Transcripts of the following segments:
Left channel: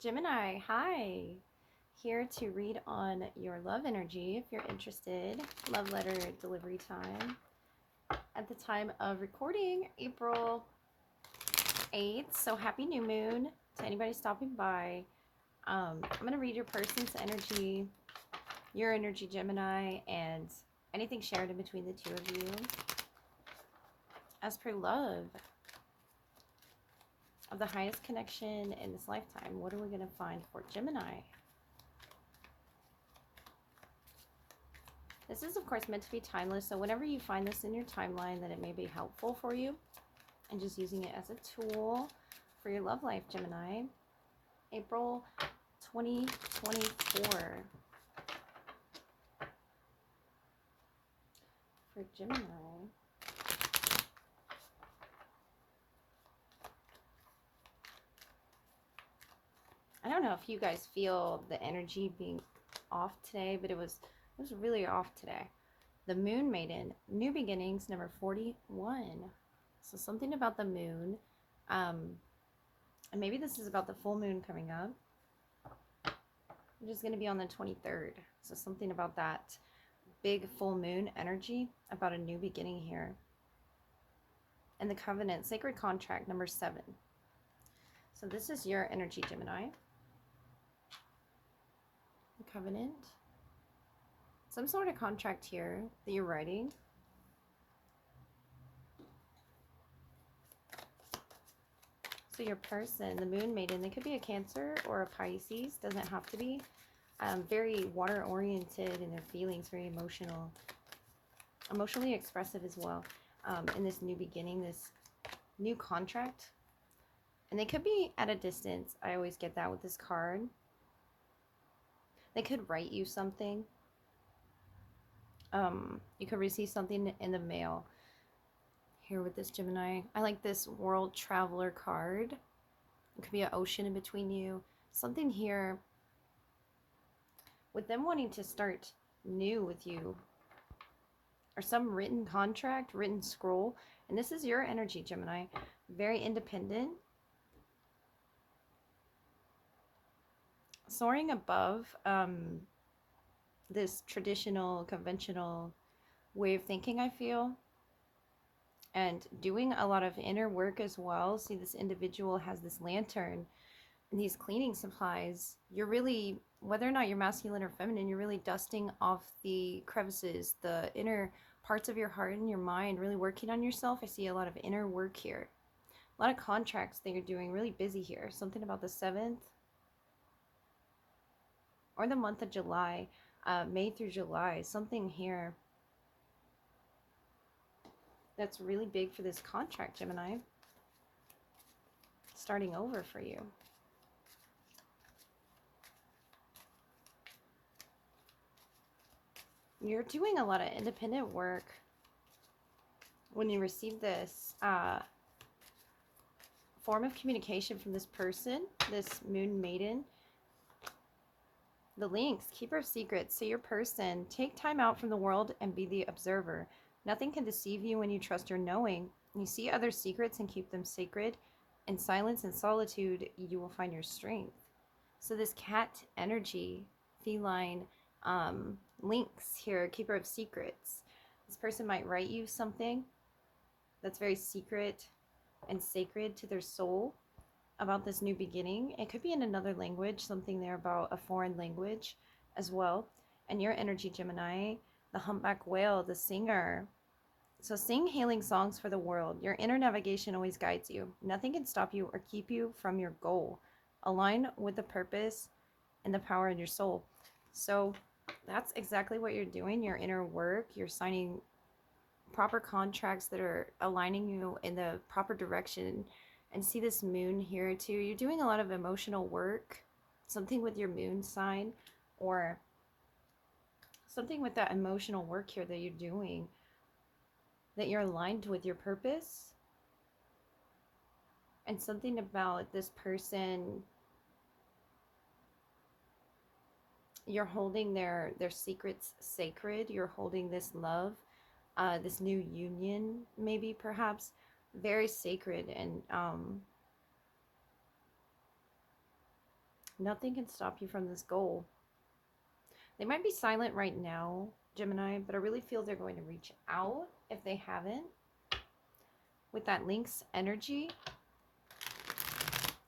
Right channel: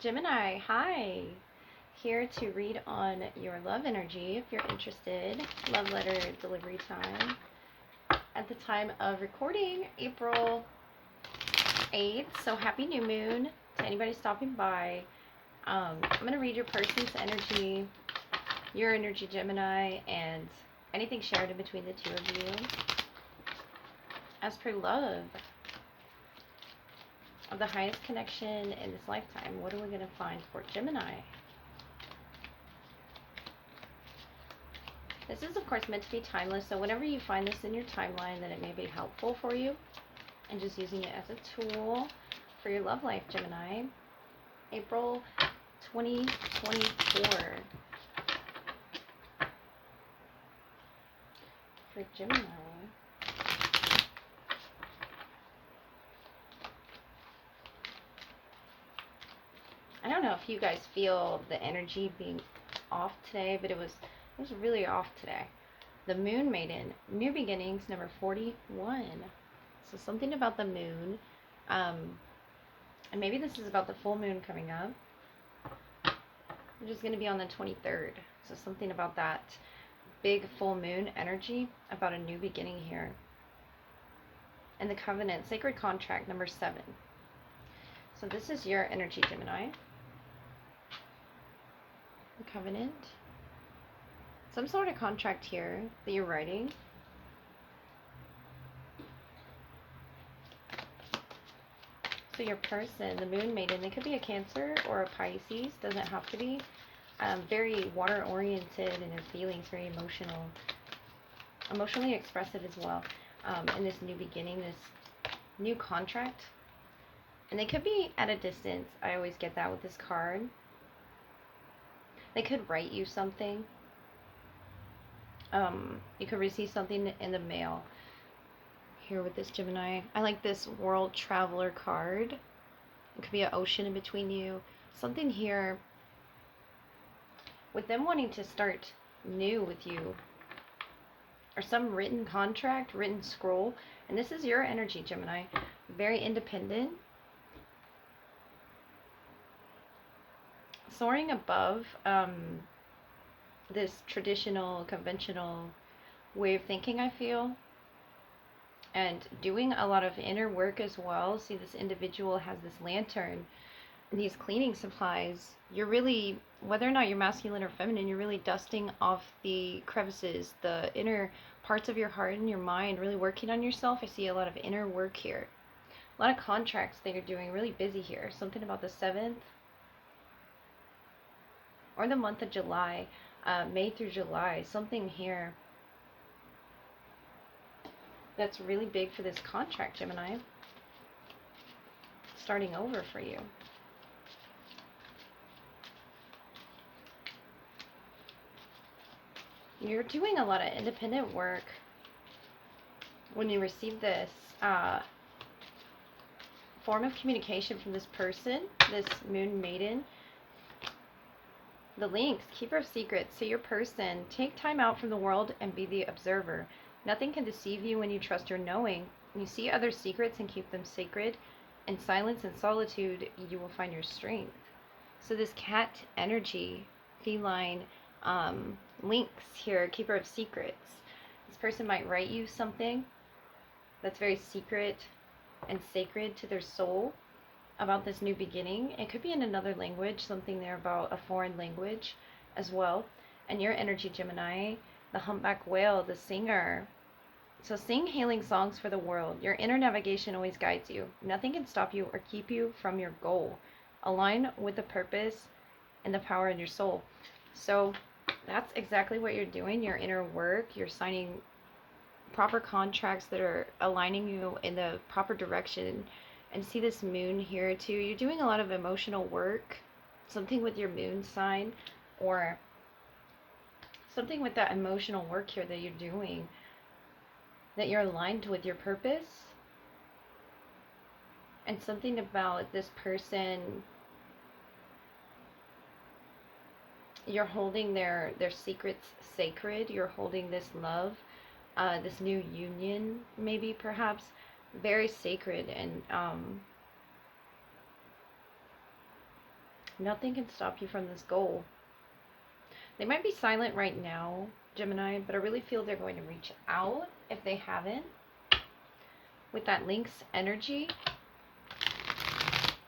Gemini, hi. Here to read on your love energy if you're interested. Love letter delivery time. At the time of recording, April 8th. So happy new moon to anybody stopping by. I'm going to read your person's energy, your energy, Gemini, and anything shared in between the two of you. As per love of the highest connection in this lifetime, what are we going to find for Gemini? This is, of course, meant to be timeless, so whenever you find this in your timeline, then it may be helpful for you. And just using it as a tool for your love life, Gemini. April 2024. For Gemini. I don't know if you guys feel the energy being off today, but it was really off today. The Moon Maiden, New Beginnings, number 41. So something about the moon. And maybe this is about the full moon coming up. Which is going to be on the 23rd. So something about that big full moon energy, about a new beginning here. And the Covenant, Sacred Contract, number 7. So this is your energy, Gemini. The Covenant. Some sort of contract here that you're writing. So your person, the Moon Maiden, they could be a Cancer or a Pisces. Doesn't have to be. Very water-oriented in their feelings, very emotional. Emotionally expressive as well. In this new beginning, this new contract. And they could be at a distance. I always get that with this card. They could write you something. You could receive something in the mail here with this Gemini. I like this World Traveler card. It could be an ocean in between you. Something here with them wanting to start new with you. Or some written contract, written scroll. And this is your energy, Gemini. Very independent. Soaring above this traditional, conventional way of thinking, I feel. And doing a lot of inner work as well. See, this individual has this lantern and these cleaning supplies. You're really, whether or not you're masculine or feminine, you're really dusting off the crevices, the inner parts of your heart and your mind, really working on yourself. I see a lot of inner work here. A lot of contracts that you're doing, really busy here. Something about the 7th or the month of July, May through July, something here that's really big for this contract, Gemini. Starting over for you. You're doing a lot of independent work when you receive this form of communication from this person, this Moon Maiden. The links, keeper of secrets. So your person, take time out from the world and be the observer. Nothing can deceive you when you trust your knowing. You see other secrets and keep them sacred. In silence and solitude, you will find your strength. So this cat energy, feline links here, keeper of secrets. This person might write you something that's very secret and sacred to their soul about this new beginning. It could be in another language, something there about a foreign language as well. And your energy, Gemini, the humpback whale, the singer. So sing healing songs for the world. Your inner navigation always guides you. Nothing can stop you or keep you from your goal. Align with the purpose and the power in your soul. So that's exactly what you're doing, your inner work. You're signing proper contracts that are aligning you in the proper direction. And see this moon here too. You're doing a lot of emotional work. Something with your moon sign, or something with that emotional work here that you're doing, that you're aligned with your purpose. And something about this person, you're holding their secrets sacred. You're holding this love, this new union, maybe perhaps, very sacred and Nothing can stop you from this goal. They might be silent right now, Gemini, but I really feel they're going to reach out if they haven't. With that Lynx energy,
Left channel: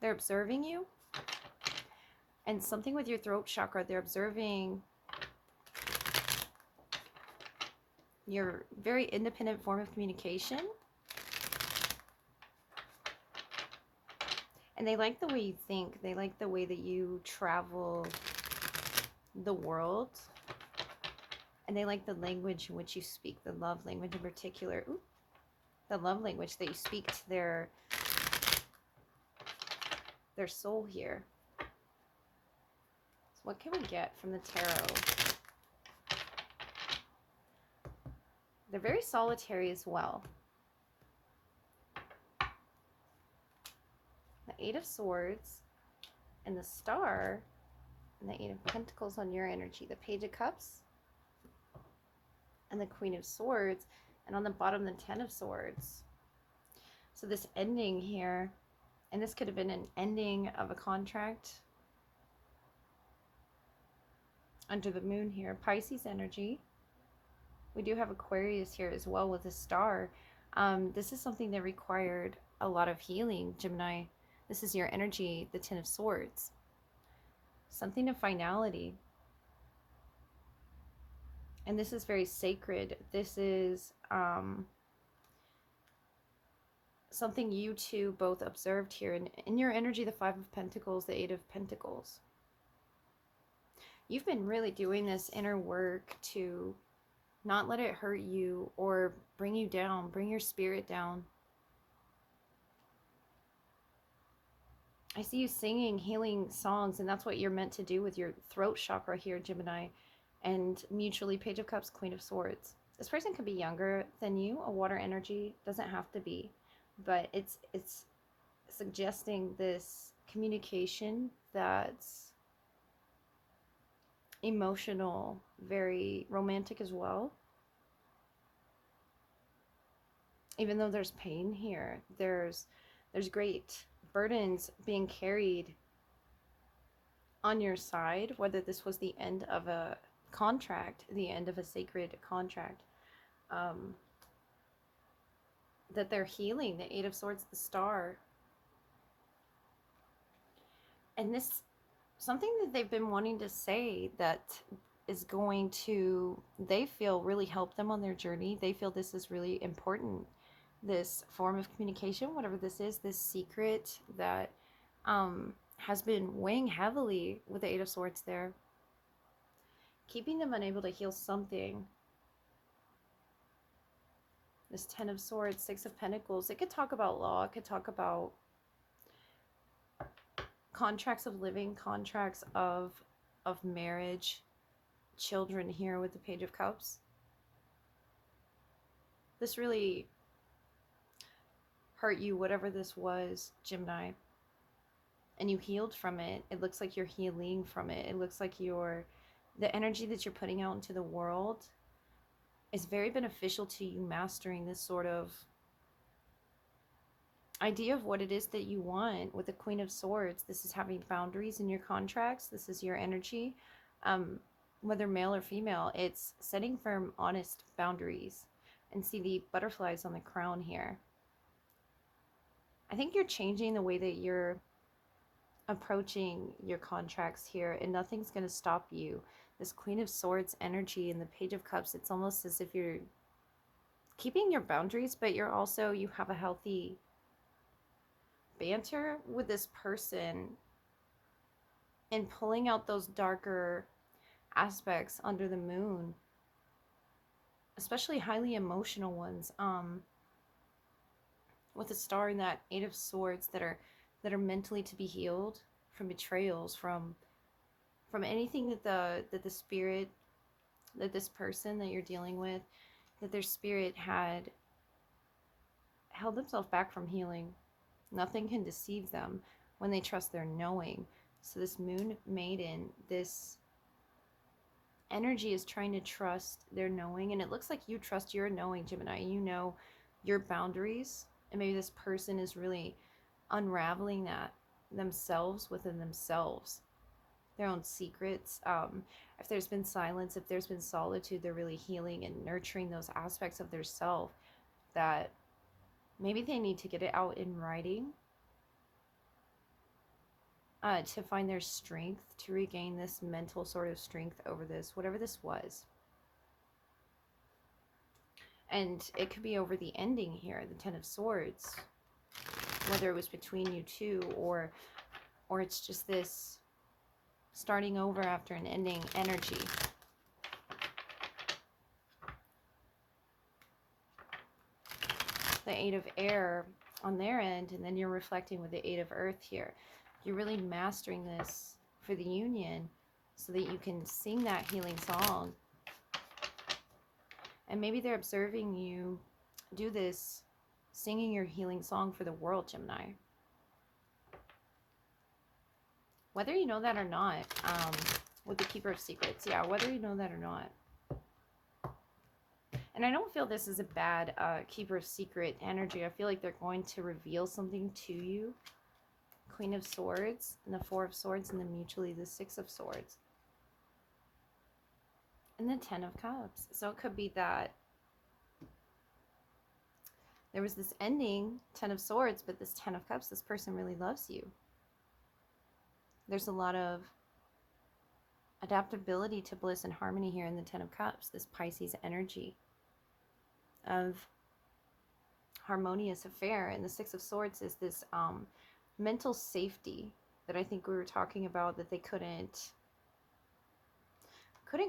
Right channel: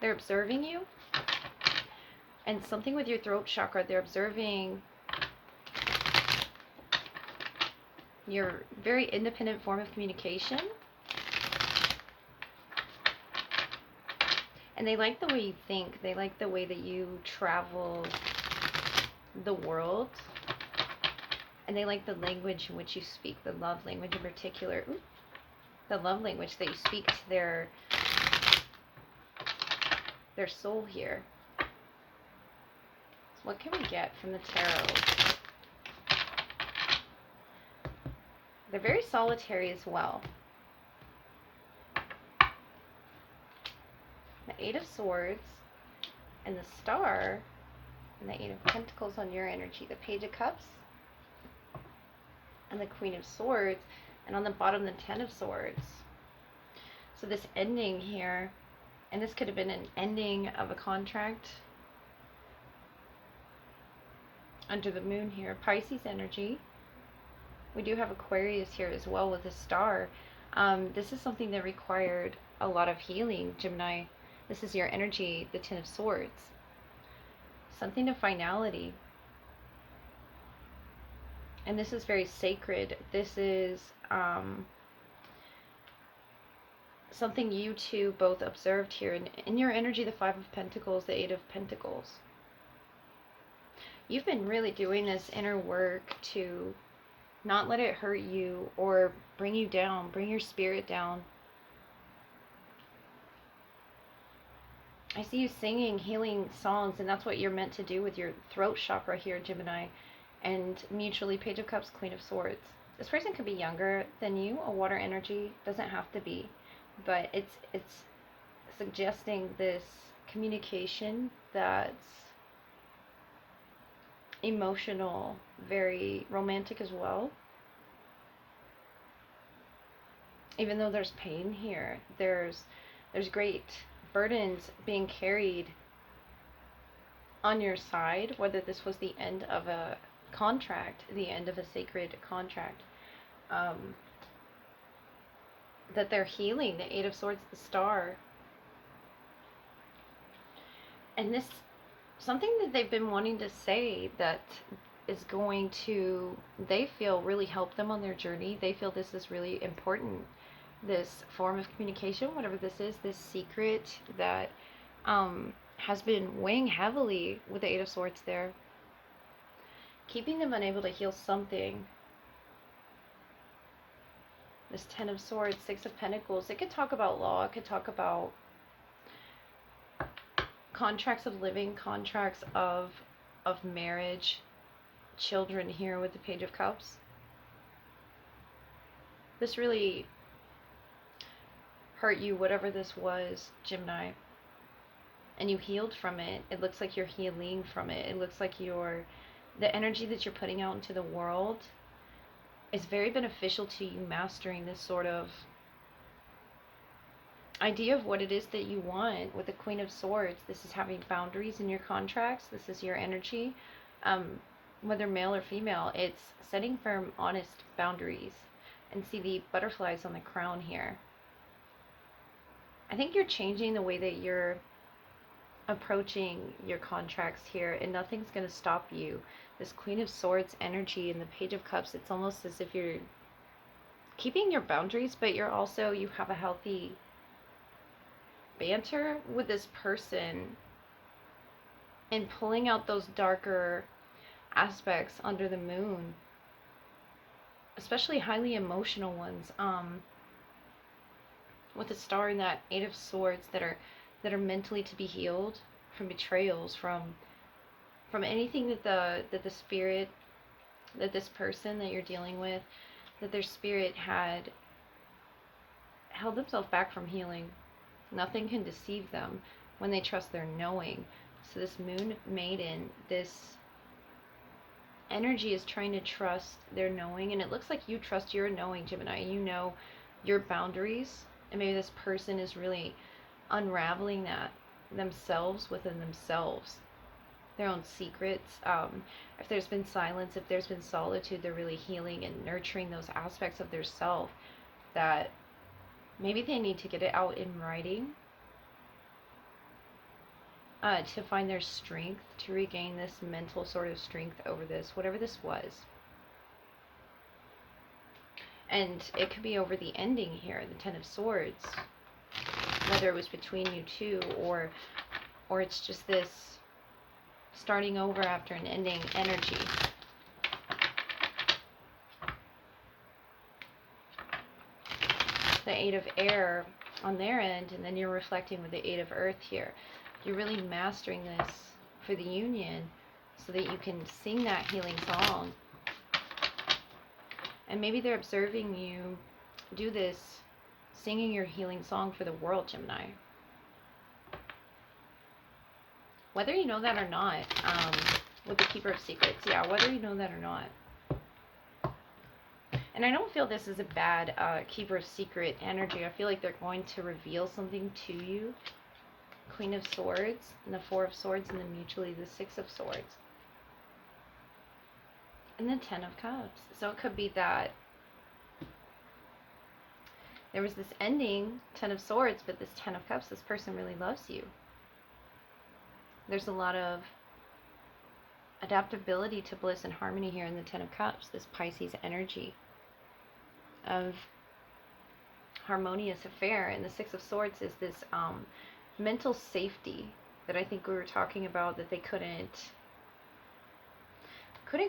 they're observing you. And something with your throat chakra, they're observing your very independent form of communication. And they like the way you think. They like the way that you travel the world. And they like the language in which you speak, the love language in particular. Ooh, the love language that you speak to their soul here. So what can we get from the tarot? They're very solitary as well. The Eight of Swords and the Star and the Eight of Pentacles on your energy. The Page of Cups and the Queen of Swords, and on the bottom the Ten of Swords. So this ending here, and this could have been an ending of a contract under the moon here. Pisces energy. We do have Aquarius here as well with a star. This is something that required a lot of healing, Gemini. This is your energy, the Ten of Swords. Something of finality. And this is very sacred. This is something you two both observed here. And in your energy, the Five of Pentacles, the Eight of Pentacles. You've been really doing this inner work to not let it hurt you or bring you down, bring your spirit down. I see you singing healing songs, and that's what you're meant to do with your throat chakra here, Gemini. And mutually, Page of Cups, Queen of Swords. This person could be younger than you. A water energy doesn't have to be, but it's suggesting this communication that's emotional, very romantic as well. Even though there's pain here, there's great burdens being carried on your side, whether this was the end of a contract, the end of a sacred contract, that they're healing. The Eight of Swords, the Star. And this, something that they've been wanting to say that is going to, they feel, really help them on their journey. They feel this is really important. This form of communication, whatever this is, this secret that has been weighing heavily with the Eight of Swords there, keeping them unable to heal something. This Ten of Swords, Six of Pentacles, it could talk about law, it could talk about contracts of living, contracts of marriage, children here with the Page of Cups. This really hurt you, whatever this was, Gemini, and you healed from it. It looks like you're healing from it. It looks like the energy that you're putting out into the world is very beneficial to you mastering this sort of idea of what it is that you want with the Queen of Swords. This is having boundaries in your contracts. This is your energy, whether male or female. It's setting firm, honest boundaries. And see the butterflies on the crown here. I think you're changing the way that you're approaching your contracts here, and nothing's going to stop you. This Queen of Swords energy and the Page of Cups, it's almost as if you're keeping your boundaries, but you have a healthy banter with this person and pulling out those darker aspects under the moon, especially highly emotional ones, with the Star and that Eight of Swords that are mentally to be healed from betrayals, from anything that the spirit, that this person that you're dealing with, that their spirit had held themselves back from healing. Nothing can deceive them when they trust their knowing. So this Moon Maiden, this energy is trying to trust their knowing, and it looks like you trust your knowing, Gemini. You know your boundaries, and maybe this person is really unraveling that themselves within themselves. their own secrets. If there's been silence, if there's been solitude, they're really healing and nurturing those aspects of their self that maybe they need to get it out in writing, to find their strength, to regain this mental sort of strength over this, whatever this was. And it could be over the ending here, the Ten of Swords, whether it was between you two, or it's just this starting over after an ending energy. The Eight of Air on their end, and then you're reflecting with the Eight of Earth here. You're really mastering this for the union so that you can sing that healing song. And maybe they're observing you do this, singing your healing song for the world, Gemini. Whether you know that or not, with the Keeper of Secrets, yeah, whether you know that or not. And I don't feel this is a bad Keeper of Secret energy. I feel like they're going to reveal something to you. Queen of Swords, and the Four of Swords, and then mutually the Six of Swords. And the Ten of Cups. So it could be that there was this ending, Ten of Swords, but this Ten of Cups, this person really loves you. There's a lot of adaptability to bliss and harmony here in the Ten of Cups, this Pisces energy of harmonious affair. And the Six of Swords is this mental safety that I think we were talking about, that they couldn't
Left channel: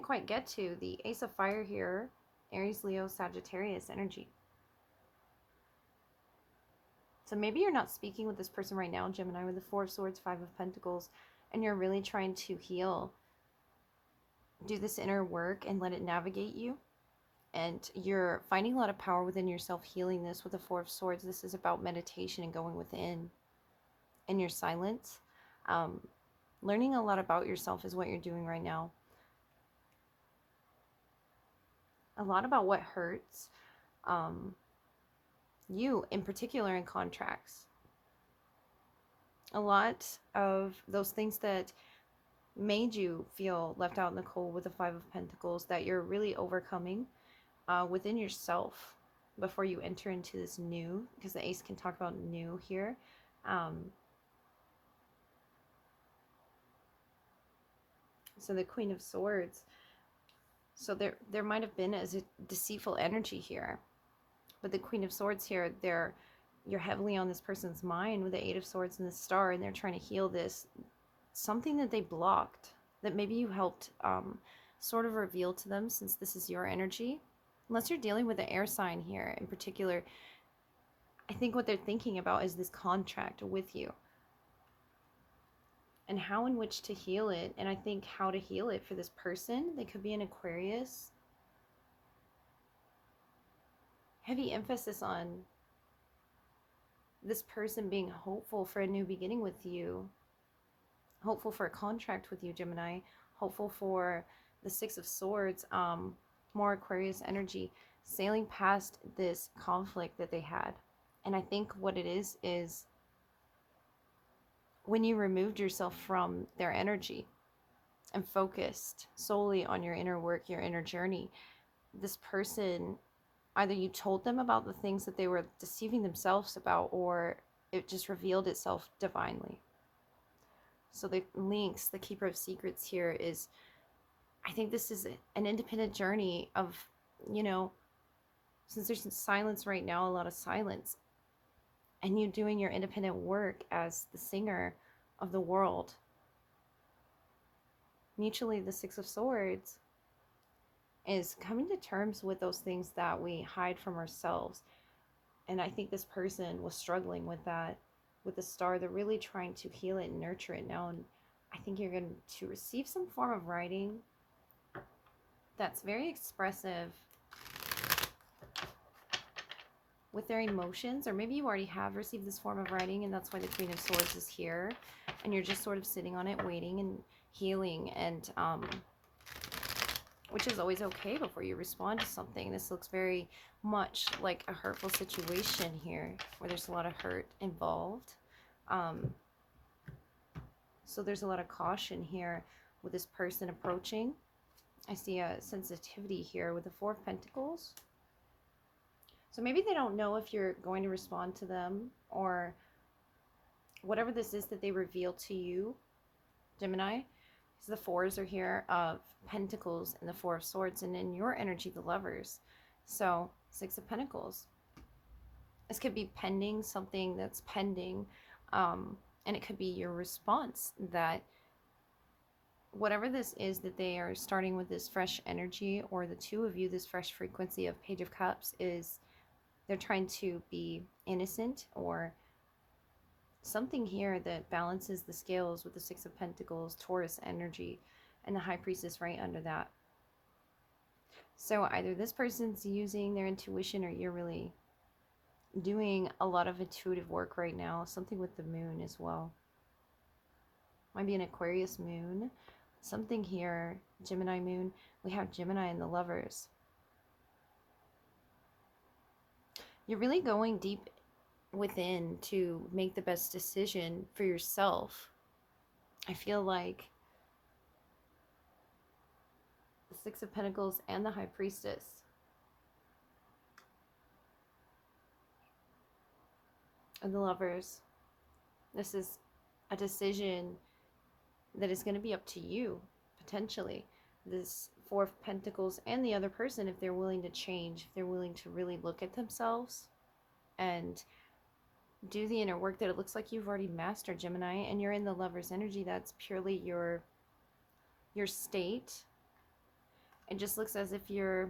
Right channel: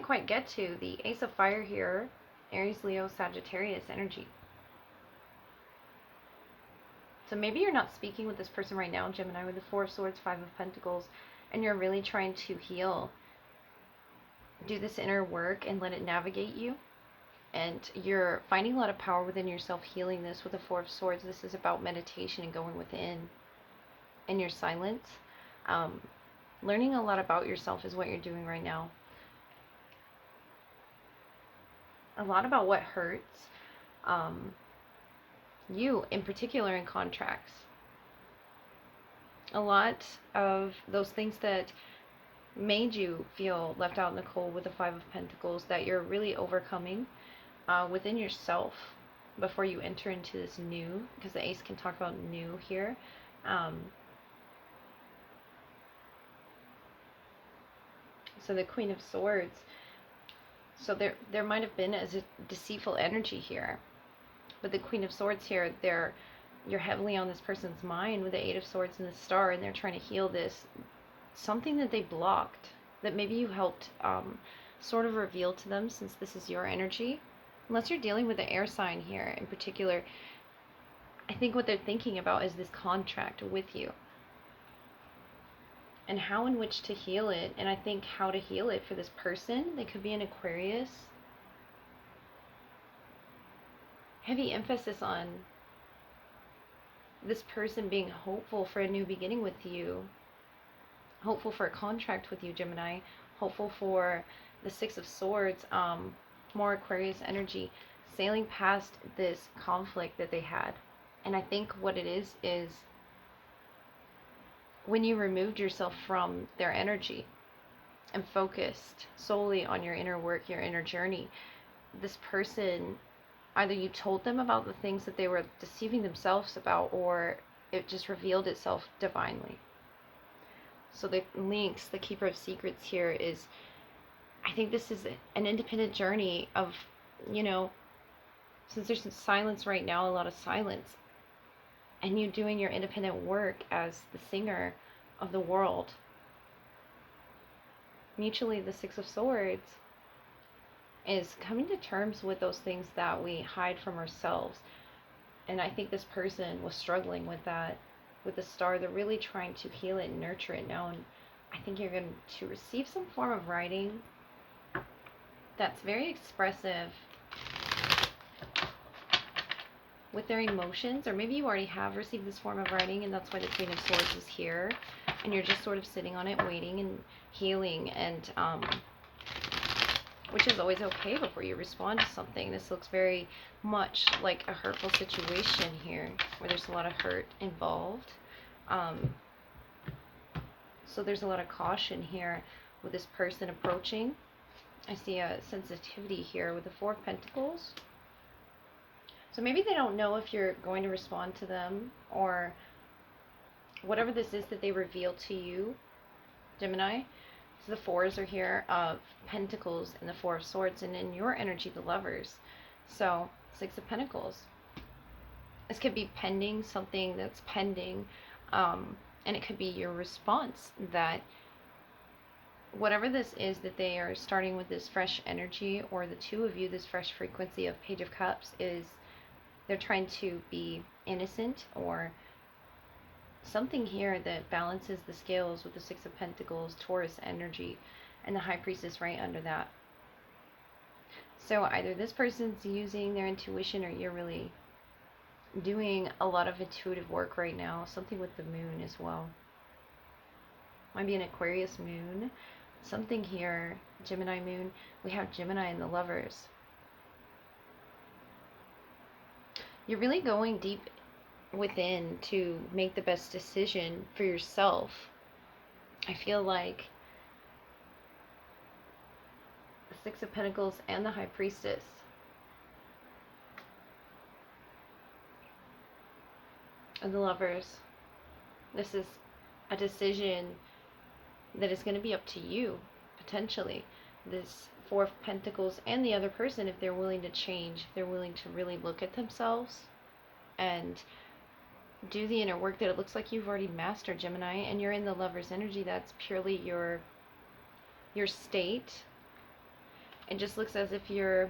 quite get to. The Ace of Fire here, Aries, Leo, Sagittarius energy. So maybe you're not speaking with this person right now, Gemini, with the Four of Swords, Five of Pentacles, and you're really trying to heal, do this inner work and let it navigate you. And you're finding a lot of power within yourself, healing this with the Four of Swords. This is about meditation and going within in your silence. Learning a lot about yourself is what you're doing right now. A lot about what hurts you in particular in contracts. A lot of those things that made you feel left out in the cold with the Five of Pentacles, that you're really overcoming within yourself before you enter into this new, because the Ace can talk about new here. So the Queen of Swords, so there might have been as a deceitful energy here, but the Queen of Swords here, you're heavily on this person's mind with the Eight of Swords and the Star, and they're trying to heal this, something that they blocked, that maybe you helped sort of reveal to them, since this is your energy. Unless you're dealing with the air sign here in particular, I think what they're thinking about is this contract with you and how in which to heal it. And I think how to heal it for this person, they could be an Aquarius. Heavy emphasis on this person being hopeful for a new beginning with you, hopeful for a contract with you, Gemini, hopeful for the Six of Swords, more Aquarius energy, sailing past this conflict that they had. And I think what it is when you removed yourself from their energy and focused solely on your inner work, your inner journey, this person, either you told them about the things that they were deceiving themselves about, or it just revealed itself divinely. So the links, the Keeper of Secrets here is, I think this is an independent journey of, since there's some silence right now, a lot of silence, and you doing your independent work as the singer of the world. Mutually, the Six of Swords is coming to terms with those things that we hide from ourselves. And I think this person was struggling with that, with the Star. They're really trying to heal it and nurture it now. And I think you're going to receive some form of writing that's very expressive with their emotions, or maybe you already have received this form of writing, and that's why the Queen of Swords is here, and you're just sort of sitting on it, waiting and healing, and which is always okay before you respond to something. This looks very much like a hurtful situation here, where there's a lot of hurt involved. So there's a lot of caution here with this person approaching. I see a sensitivity here with the Four of Pentacles. So maybe they don't know if you're going to respond to them, or whatever this is that they reveal to you, Gemini. So the fours are here of Pentacles and the Four of Swords, and in your energy, the Lovers. So Six of Pentacles. This could be pending, something that's pending, and it could be your response, that whatever this is that they are starting with, this fresh energy, or the two of you, this fresh frequency of Page of Cups, is they're trying to be innocent, or something here that balances the scales with the Six of Pentacles, Taurus energy, and the High Priestess right under that. So either this person's using their intuition, or you're really doing a lot of intuitive work right now. Something with the moon as well. Might be an Aquarius moon. Something here, Gemini moon. We have Gemini and the Lovers. You're really going deep within to make the best decision for yourself. I feel like the Six of Pentacles and the High Priestess. And the Lovers. This is a decision that is going to be up to you, potentially. This Four of Pentacles and the other person, if they're willing to change, if they're willing to really look at themselves and do the inner work that it looks like you've already mastered, Gemini, and you're in the Lover's energy. That's purely your state. It just looks as if you're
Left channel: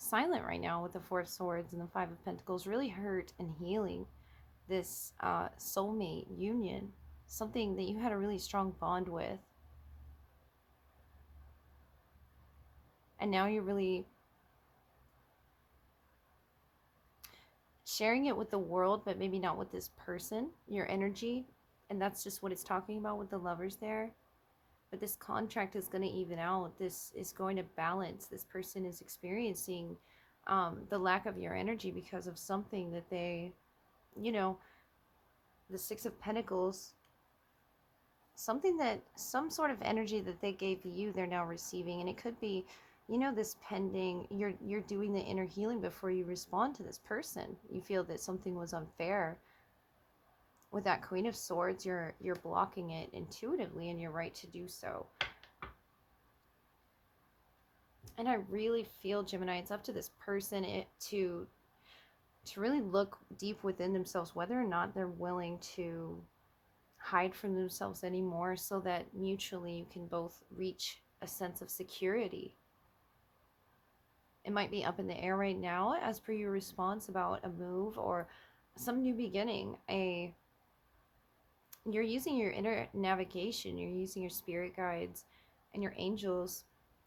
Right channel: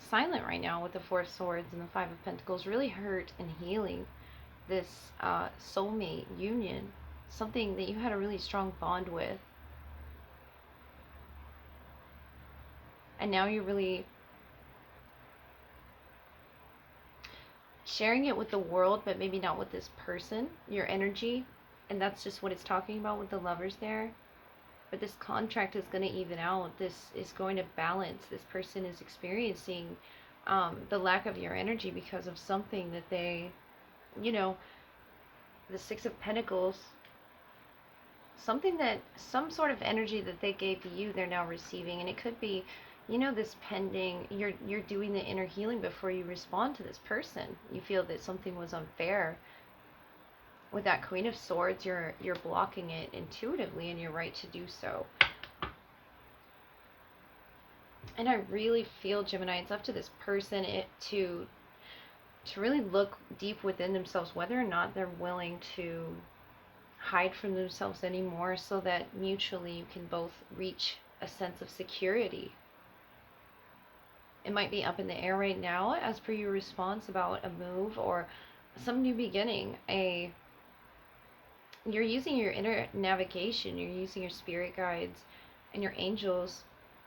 silent right now with the Four of Swords and the Five of Pentacles, really hurt and healing this soulmate union, something that you had a really strong bond with. And now you're really sharing it with the world, but maybe not with this person, your energy. And that's just what it's talking about with the Lovers there. But this contract is going to even out. This is going to balance. This person is experiencing the lack of your energy because of something that they, you know, the Six of Pentacles, something that, some sort of energy that they gave you, they're now receiving. And it could be, you know, this pending, you're doing the inner healing before you respond to this person. You feel that something was unfair. With that Queen of Swords, you're blocking it intuitively, and you're right to do so. And I really feel, Gemini, it's up to this person to really look deep within themselves, whether or not they're willing to hide from themselves anymore, so that mutually you can both reach a sense of security. It might be up in the air right now as per your response about a move or some new beginning. You're using your inner navigation, you're using your spirit guides and your angels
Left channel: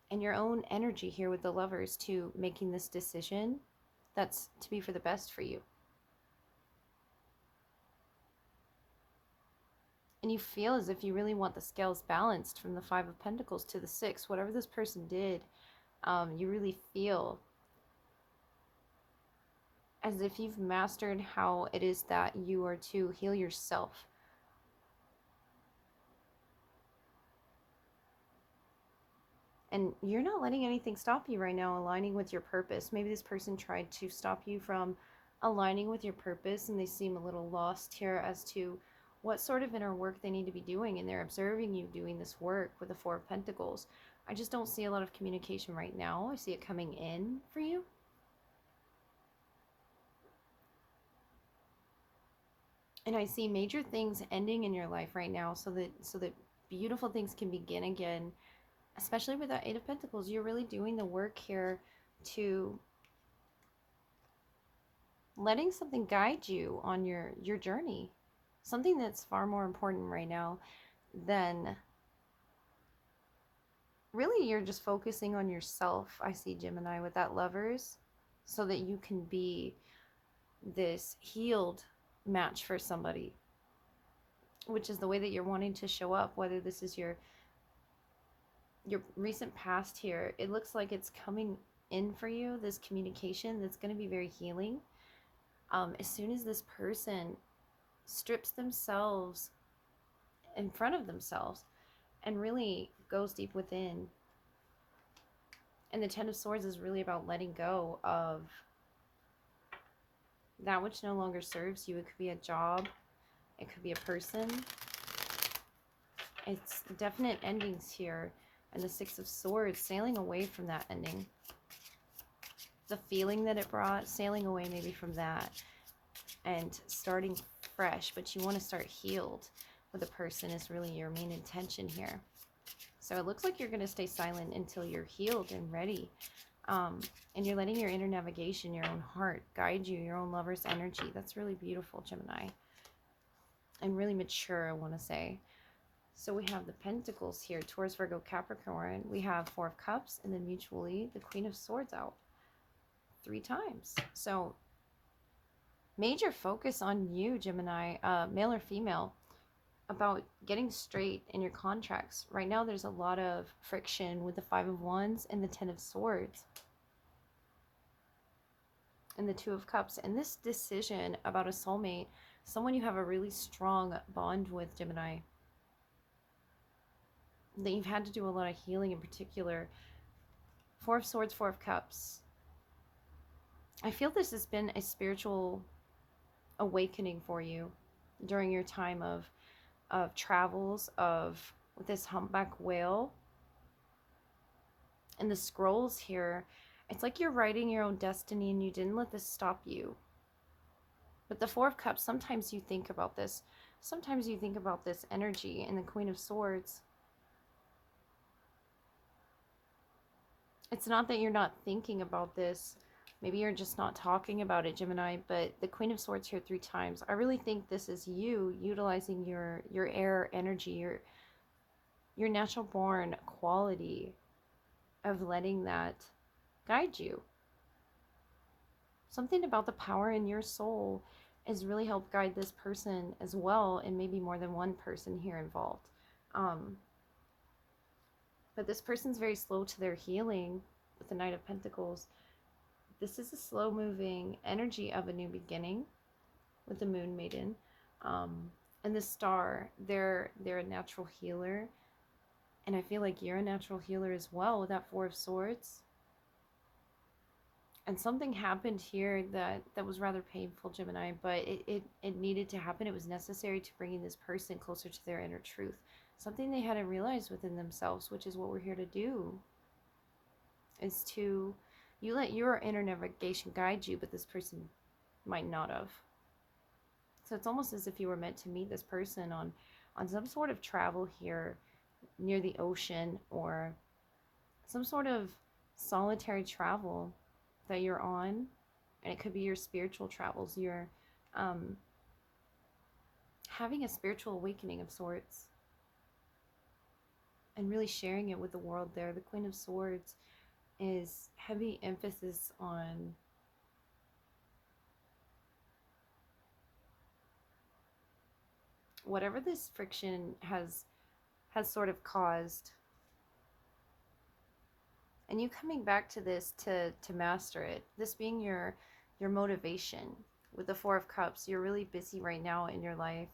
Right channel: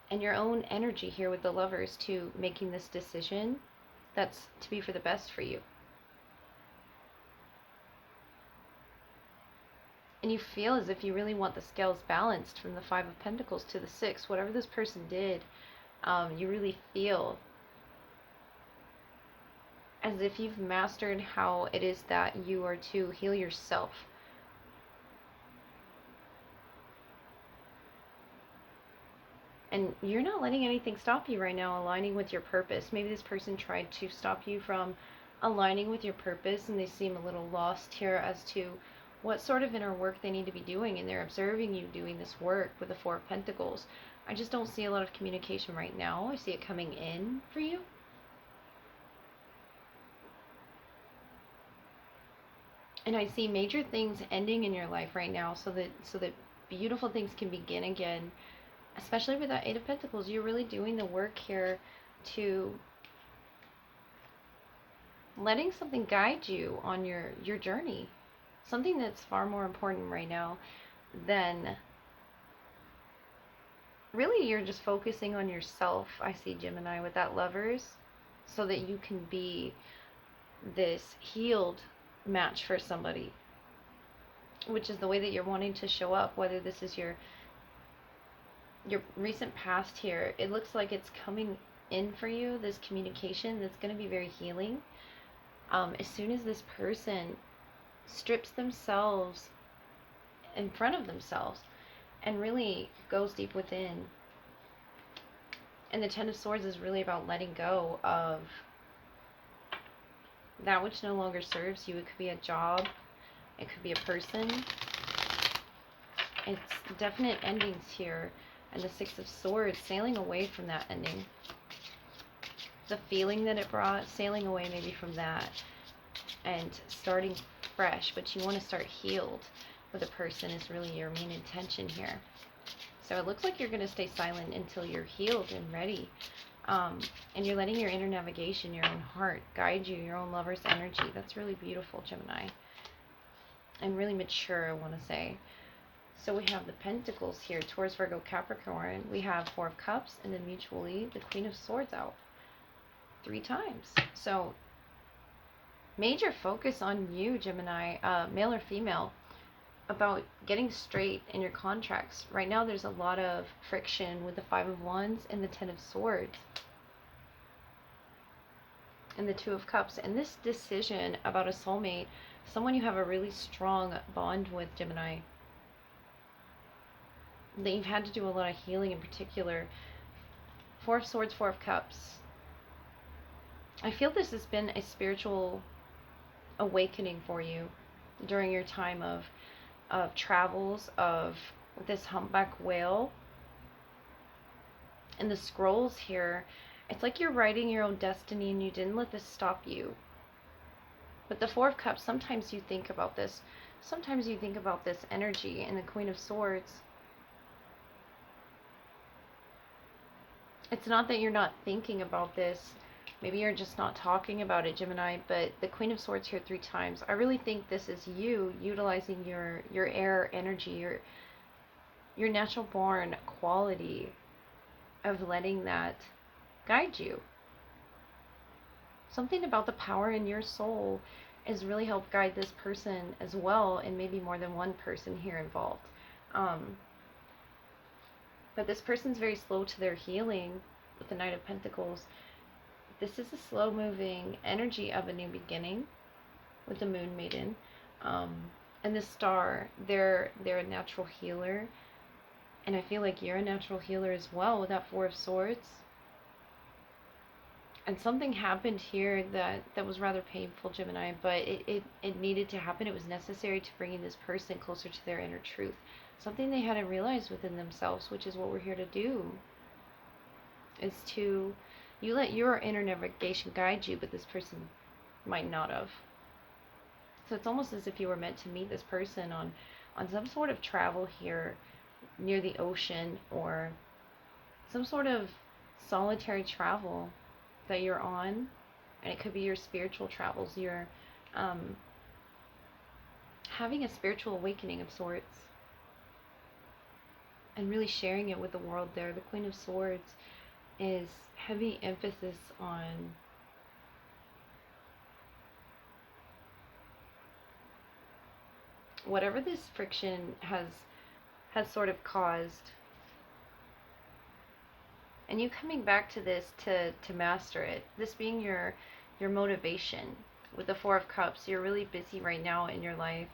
and your own energy here with the Lovers to making this decision that's to be for the best for you. And you feel as if you really want the scales balanced from the Five of Pentacles to the Six. Whatever this person did, you really feel as if you've mastered how it is that you are to heal yourself. And you're not letting anything stop you right now aligning with your purpose. Maybe this person tried to stop you from aligning with your purpose, and they seem a little lost here as to what sort of inner work they need to be doing, and they're observing you doing this work with the Four of Pentacles. I just don't see a lot of communication right now. I see it coming in for you. And I see major things ending in your life right now, so that beautiful things can begin again. Especially with that Eight of Pentacles, you're really doing the work here to letting something guide you on your journey. Something that's far more important right now than really you're just focusing on yourself. I see, Gemini, with that Lovers, so that you can be this healed match for somebody, which is the way that you're wanting to show up, whether this is your recent past here. It looks like it's coming in for you, this communication that's going to be very healing. As soon as this person strips themselves in front of themselves and really goes deep within. And the Ten of Swords is really about letting go of that which no longer serves you. It could be a job, it could be a person. It's definite endings here. And the Six of Swords, sailing away from that ending. The feeling that it brought, sailing away maybe from that. And starting fresh, but you want to start healed with a person is really your main intention here. So it looks like you're going to stay silent until you're healed and ready. And you're letting your inner navigation, your own heart, guide you, your own lover's energy. That's really beautiful, Gemini. And really mature, I want to say. So we have the Pentacles here, Taurus, Virgo, Capricorn. We have Four of Cups, and then mutually the Queen of Swords out 3 times. So major focus on you, Gemini, male or female, about getting straight in your contracts. Right now there's a lot of friction with the Five of Wands and the Ten of Swords and the Two of Cups. And this decision about a soulmate, someone you have a really strong bond with, Gemini, that you've had to do a lot of healing in particular. Four of Swords, Four of Cups. I feel this has been a spiritual awakening for you during your time of travels, of this humpback whale. And the scrolls here, it's like you're writing your own destiny and you didn't let this stop you. But the Four of Cups, sometimes you think about this. Sometimes you think about this energy. And the Queen of Swords, it's not that you're not thinking about this. Maybe you're just not talking about it, Gemini, but the Queen of Swords here 3 times. I really think this is you utilizing your air energy, your natural born quality of letting that guide you. Something about the power in your soul has really helped guide this person as well, and maybe more than one person here involved. But this person's very slow to their healing with the Knight of Pentacles. This is a slow-moving energy of a new beginning with the Moon Maiden. And the Star, they're a natural healer. And I feel like you're a natural healer as well with that Four of Swords. And something happened here that was rather painful, Gemini, but it needed to happen. It was necessary to bringing this person closer to their inner truth. Something they hadn't realized within themselves, which is what we're here to do, is to... You let your inner navigation guide you, but this person might not have. So it's almost as if you were meant to meet this person on some sort of travel here near the ocean, or some sort of solitary travel that you're on. And it could be your spiritual travels. You're having a spiritual awakening of sorts. And really sharing it with the world there. The Queen of Swords is heavy emphasis on whatever this friction has sort of caused, and you coming back to this to master it. This being your motivation with the Four of Cups. You're really busy right now in your life,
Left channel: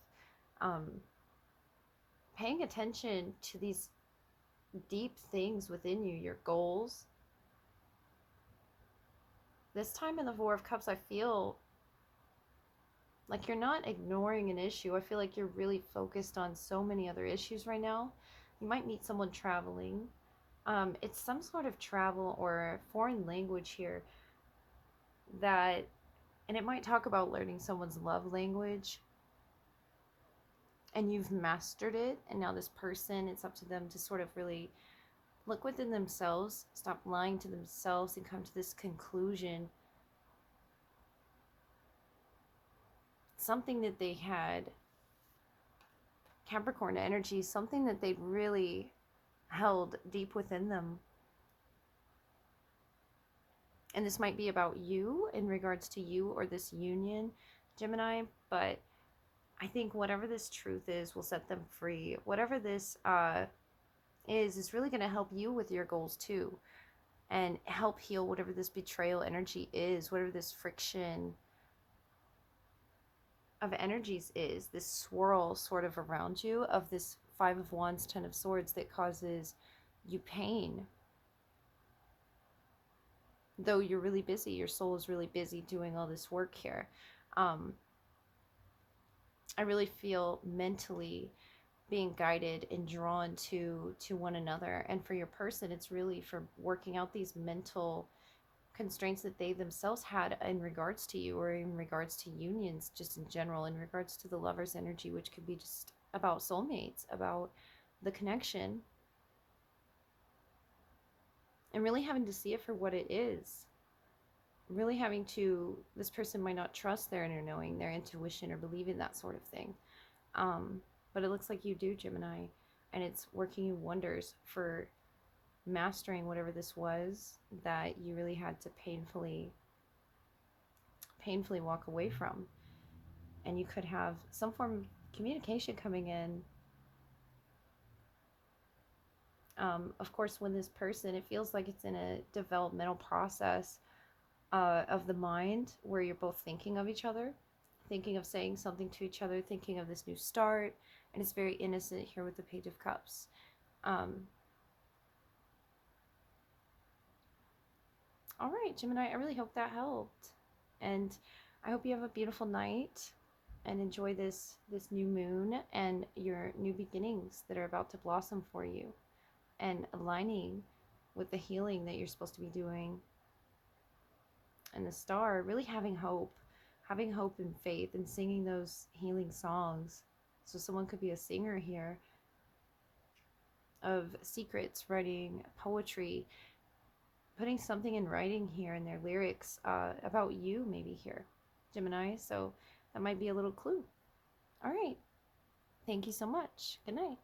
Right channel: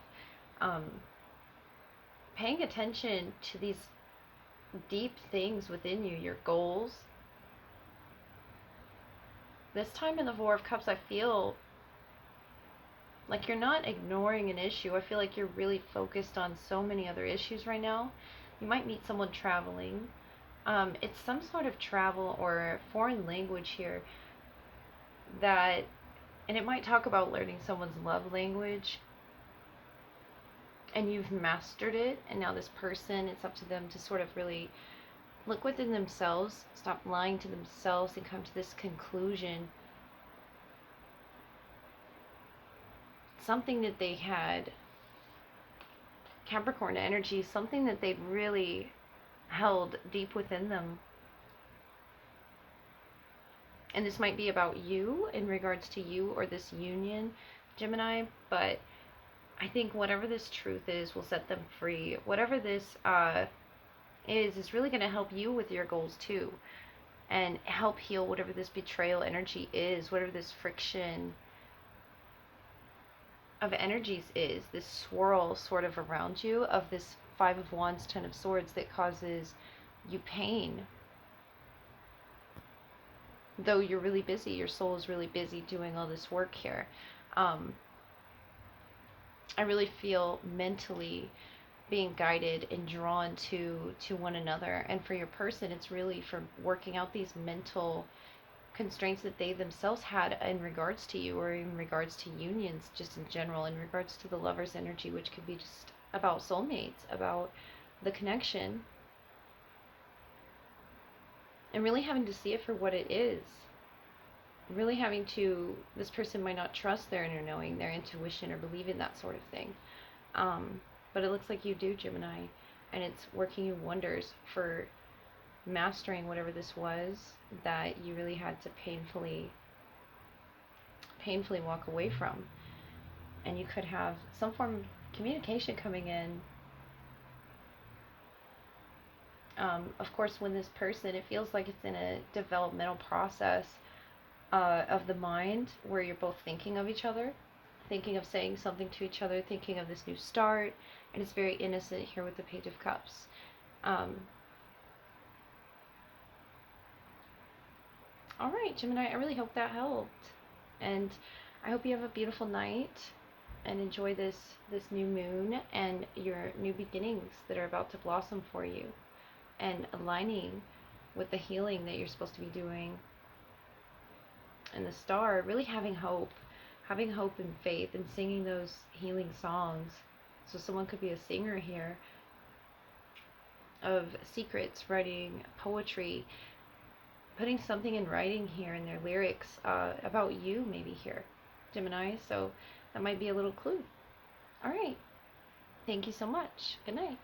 paying attention to these deep things within you, your goals. This time in the Four of Cups, I feel like you're not ignoring an issue. I feel like you're really focused on so many other issues right now. You might meet someone traveling. It's some sort of travel or foreign language here that, and it might talk about learning someone's love language. And you've mastered it, and now this person, it's up to them to sort of really look within themselves, stop lying to themselves, and come to this conclusion. Something that they had, Capricorn energy, something that they'd really held deep within them. And this might be about you, in regards to you or this union, Gemini, but I think whatever this truth is will set them free. Whatever this is really going to help you with your goals too, and help heal whatever this betrayal energy is, whatever this friction of energies is this swirl sort of around you of this Five of Wands, Ten of Swords that causes you pain. Though you're really busy, your soul is really busy doing all this work here. I really feel mentally being guided and drawn to one another. And for your person, it's really for working out these mental constraints that they themselves had in regards to you, or in regards to unions just in general, in regards to the lover's energy, which could be just about soulmates, about the connection, and really having to see it for what it is. Really having to, this person might not trust their inner knowing, their intuition, or believe in that sort of thing. But it looks like you do, Gemini, and it's working you wonders for mastering whatever this was that you really had to painfully walk away from. And you could have some form of communication coming in. Of course, when this person, it feels like it's in a developmental process of the mind where you're both thinking of each other, thinking of saying something to each other, thinking of this new start, and it's very innocent here with the Page of Cups. All right, Gemini, I really hope that helped, and I hope you have a beautiful night and enjoy this new moon and your new beginnings that are about to blossom for you, and aligning with the healing that you're supposed to be doing. And the star, really having hope and faith, and singing those healing songs. So someone could be a singer here of secrets, writing poetry, putting something in writing here in their lyrics about you, maybe here, Gemini. So that might be a little clue. All right. Thank you so much. Good night.